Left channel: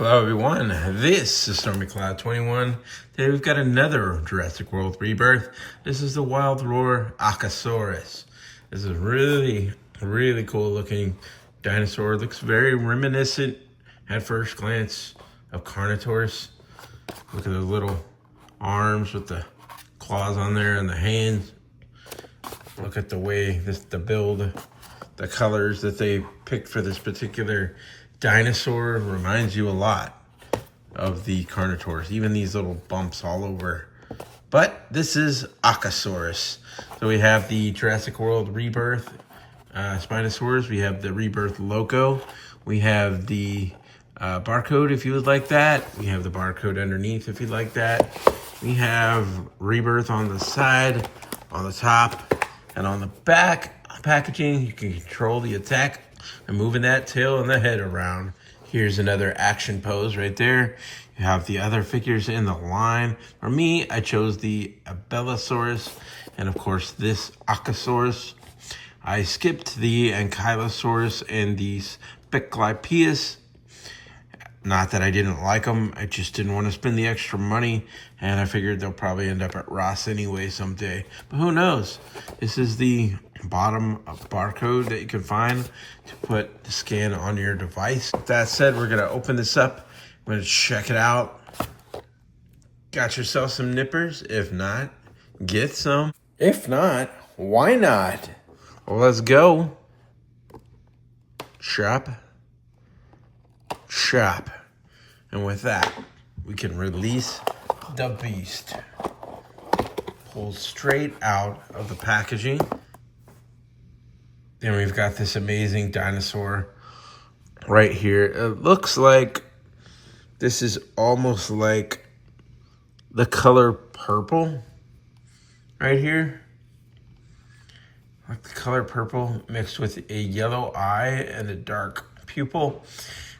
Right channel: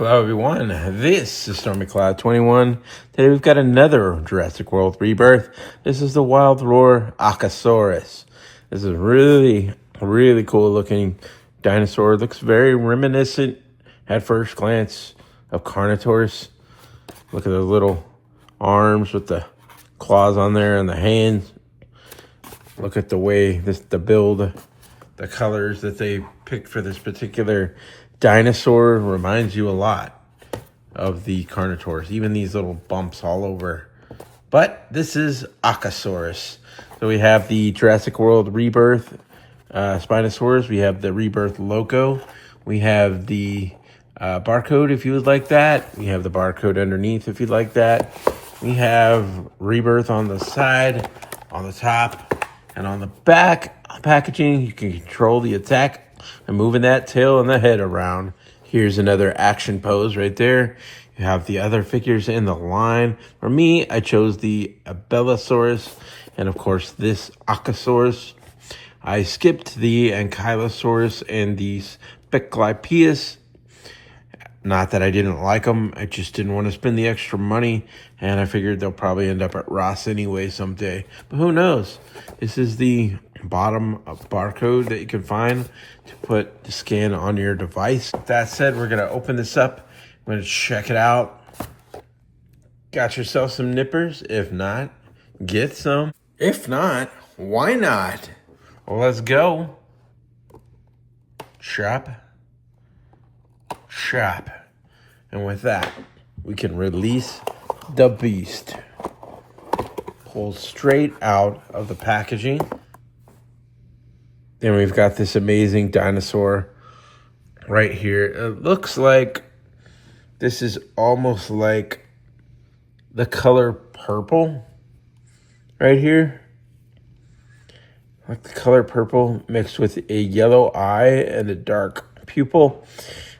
Hello everyone, this is Stormy Cloud 21. Today we've got another Jurassic World Rebirth. This is the Wild Roar Aucasaurus. This is really cool looking dinosaur. Looks very reminiscent at first glance of Carnotaurus. Look at those little arms with the claws on there and the hands. Look at the way the build, the colors that they picked for this particular dinosaur reminds you a lot of the Carnotaurus, even these little bumps all over. But this is Aucasaurus. So we have the Jurassic World Rebirth Spinosaurus. We have the Rebirth logo. We have the barcode if you would like that. We have the barcode underneath if you'd like that. We have Rebirth on the side, on the top, and on the back packaging. You can control the attack and moving that tail and the head around. Here's another action pose right there. You have the other figures in the line. For me, I chose the Abelisaurus and of course this Aucasaurus. I skipped the Ankylosaurus and the Speclypeus. Not that I didn't like them, I just didn't want to spend the extra money, and I figured they'll probably end up at Ross anyway someday. But who knows? This is the bottom barcode that you can find to put the scan on your device. With that said, we're going to open this up. I'm going to check it out. Got yourself some nippers? If not, get some. If not, why not? Well, let's go. Shop. And with that, we can release the beast. Pull straight out of the packaging. Then we've got this amazing dinosaur right here. It looks like this is almost like the color purple right here. Like the color purple mixed with a yellow eye and a dark pupil.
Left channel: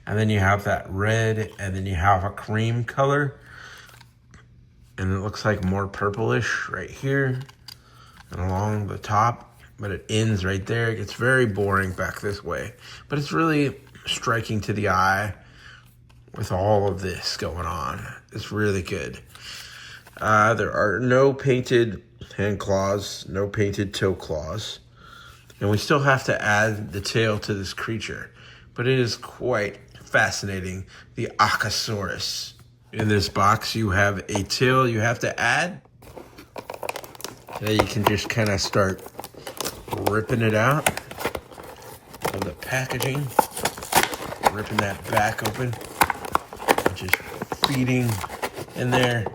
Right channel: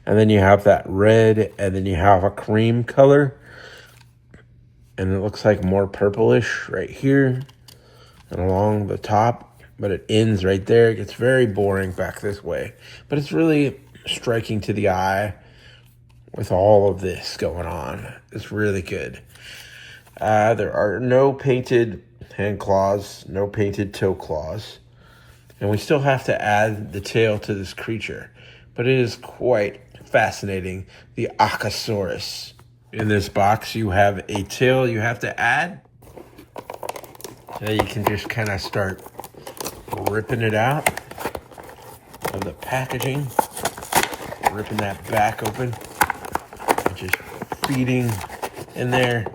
And then you have that red, and then you have a cream color. And it looks like more purplish right here and along the top. But it ends right there. It gets very boring back this way. But it's really striking to the eye with all of this going on. It's really good. There are no painted hand claws, no painted toe claws. And we still have to add the tail to this creature. But it is quite fascinating, the Aucasaurus. In this box, you have a tail you have to add. So you can just kind of start ripping it out of the packaging, ripping that back open, and just feeding in there.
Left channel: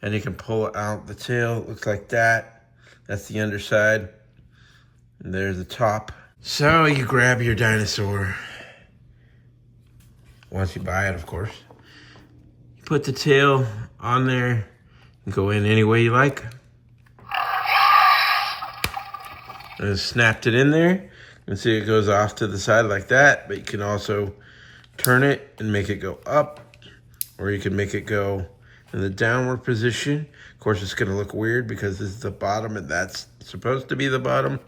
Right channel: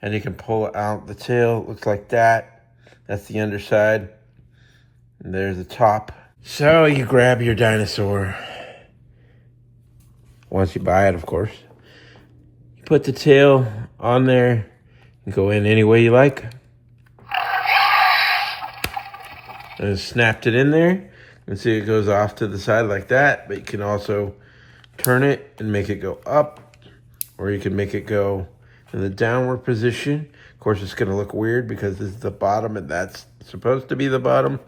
And you can pull out the tail. It looks like that. That's the underside. And there's the top. So you grab your dinosaur. Once you buy it, of course. You put the tail on there and go in any way you like. And snapped it in there. You can see it goes off to the side like that, but you can also turn it and make it go up, or you can make it go in the downward position. Of course, it's going to look weird because this is the bottom and that's supposed to be the bottom.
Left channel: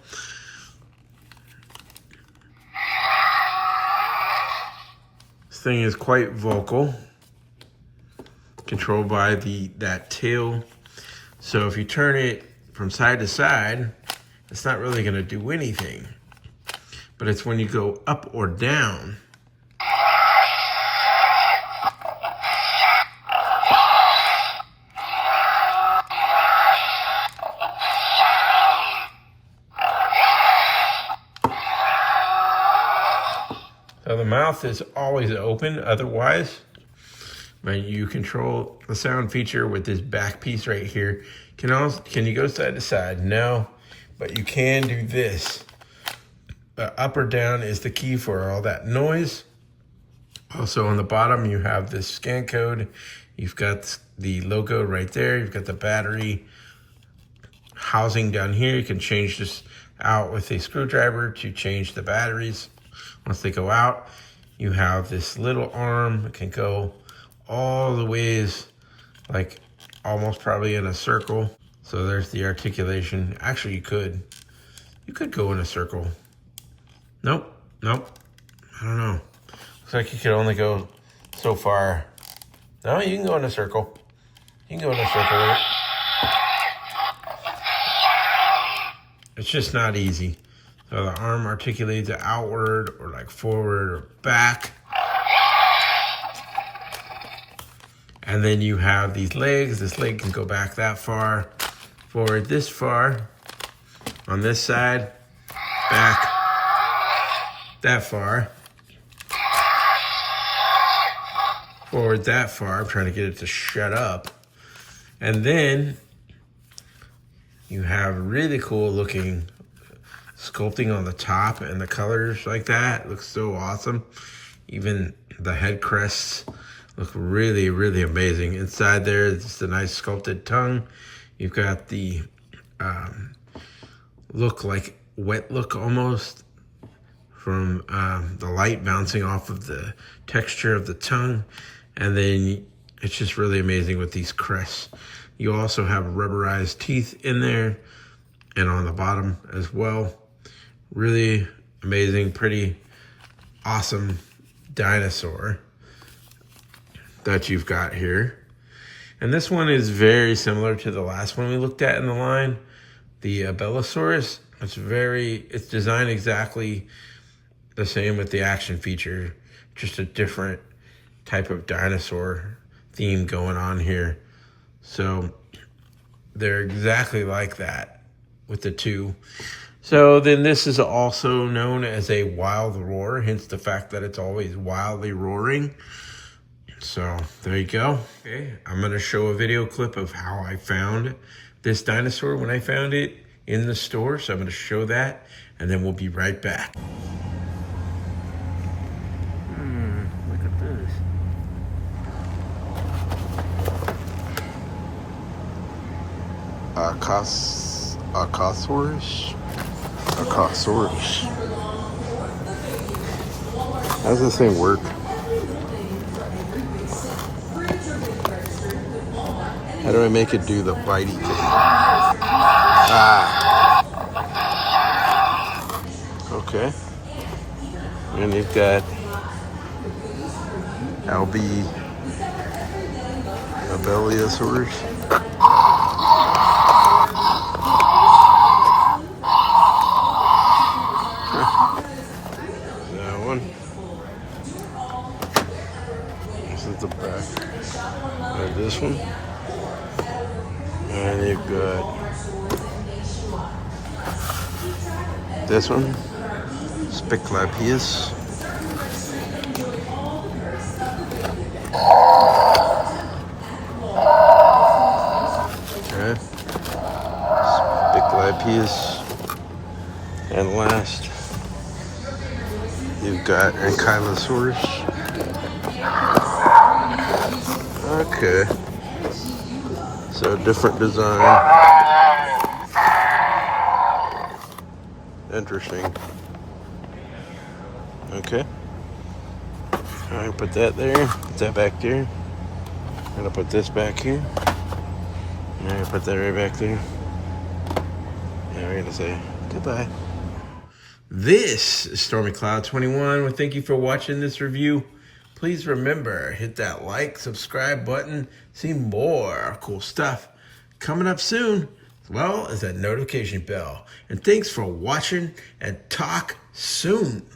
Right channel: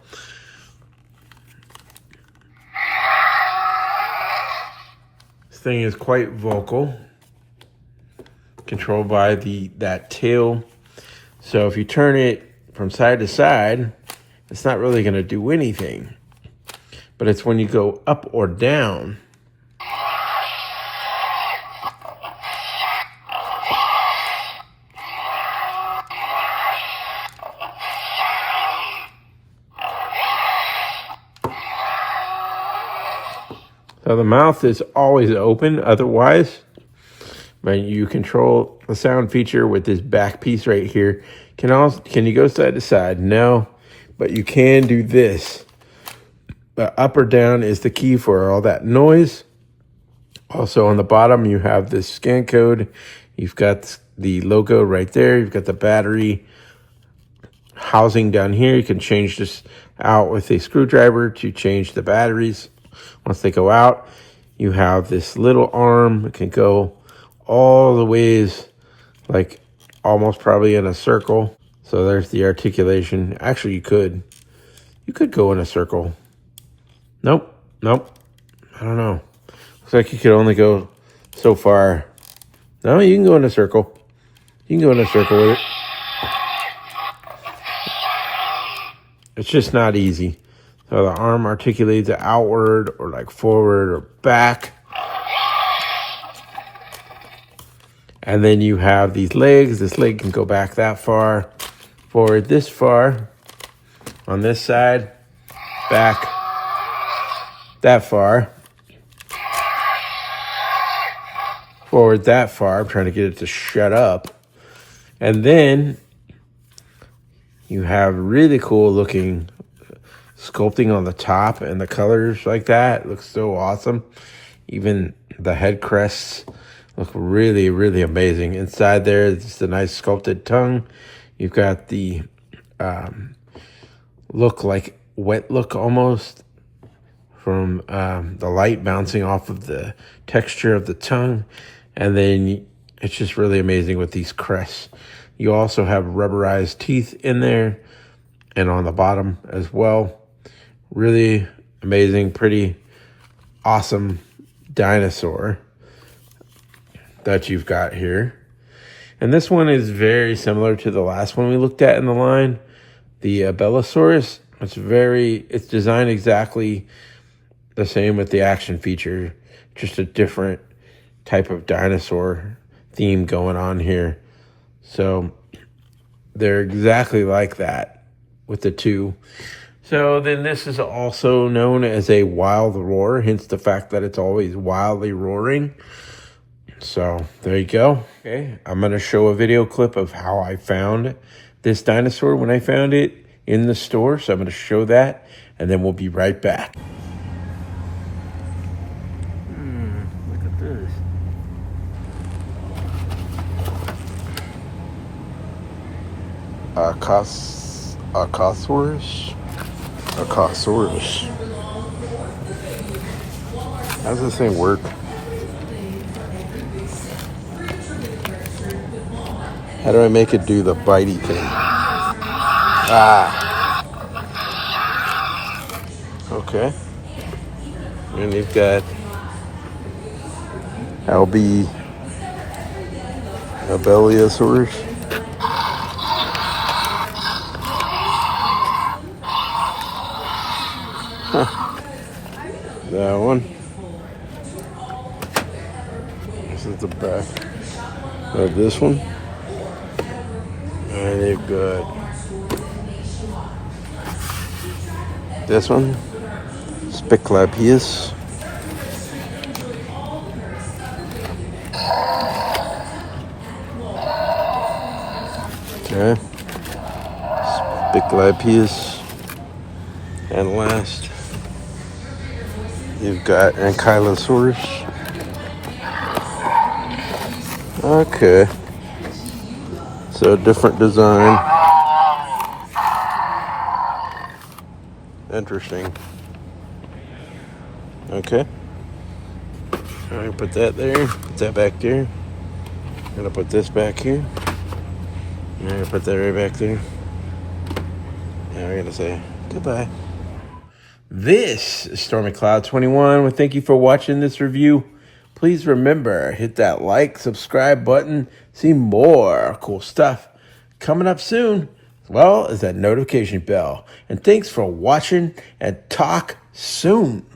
Thing is quite vocal, controlled by that tail. So if you turn it from side to side, it's not really going to do anything, but it's when you go up or down. So the mouth is always open, otherwise, you control the sound feature with this back piece right here. Can you go side to side? No, but you can do this. The up or down is the key for all that noise. Also on the bottom, you have this scan code. You've got the logo right there. You've got the battery housing down here. You can change this out with a screwdriver to change the batteries. Once they go out, you have this little arm that can go all the ways, like almost probably in a circle. So there's the articulation. Actually, you could go in a circle. Nope. I don't know. Looks like you could only go so far. No, you can go in a circle. You can go in a circle. It's just not easy. So the arm articulates outward or like forward or back. And then you have these legs. This leg can go back that far, forward this far. On this side, back that far. Forward that far. I'm trying to get it to shut up. And then you have really cool looking sculpting on the top and the colors like that. It looks so awesome. Even the head crests look really, really amazing. Inside there, it's a nice sculpted tongue. You've got the look like wet look almost from the light bouncing off of the texture of the tongue. And then it's just really amazing with these crests. You also have rubberized teeth in there and on the bottom as well. Really amazing, pretty awesome dinosaur that you've got here. And this one is very similar to the last one we looked at in the line, the Bellosaurus. It's designed exactly the same with the action feature, just a different type of dinosaur theme going on here. So they're exactly like that with the two. So then this is also known as a wild roar, hence the fact that it's always wildly roaring. So there you go. Okay, I'm going to show a video clip of how I found this dinosaur when I found it in the store. So I'm going to show that, and then we'll be right back. Look at this. Aucasaurus. How does this thing work? How do I make it do the bitey thing? Okay. And you've got Bellosaurus. That one. This is the back of this one. And you've got this one, Spiclapius. Okay. Spiclapius. And last, you've got Ankylosaurus. Okay. So different design. Interesting. Okay. All right, put that there. Put that back there. I'm gonna put this back here. I'm gonna put that right back there. And we're gonna say goodbye. This is Stormy Cloud 21. Well, thank you for watching this review. Please remember, hit that like, subscribe button. See more cool stuff coming up soon, as well as that notification bell. And thanks for watching, and talk soon.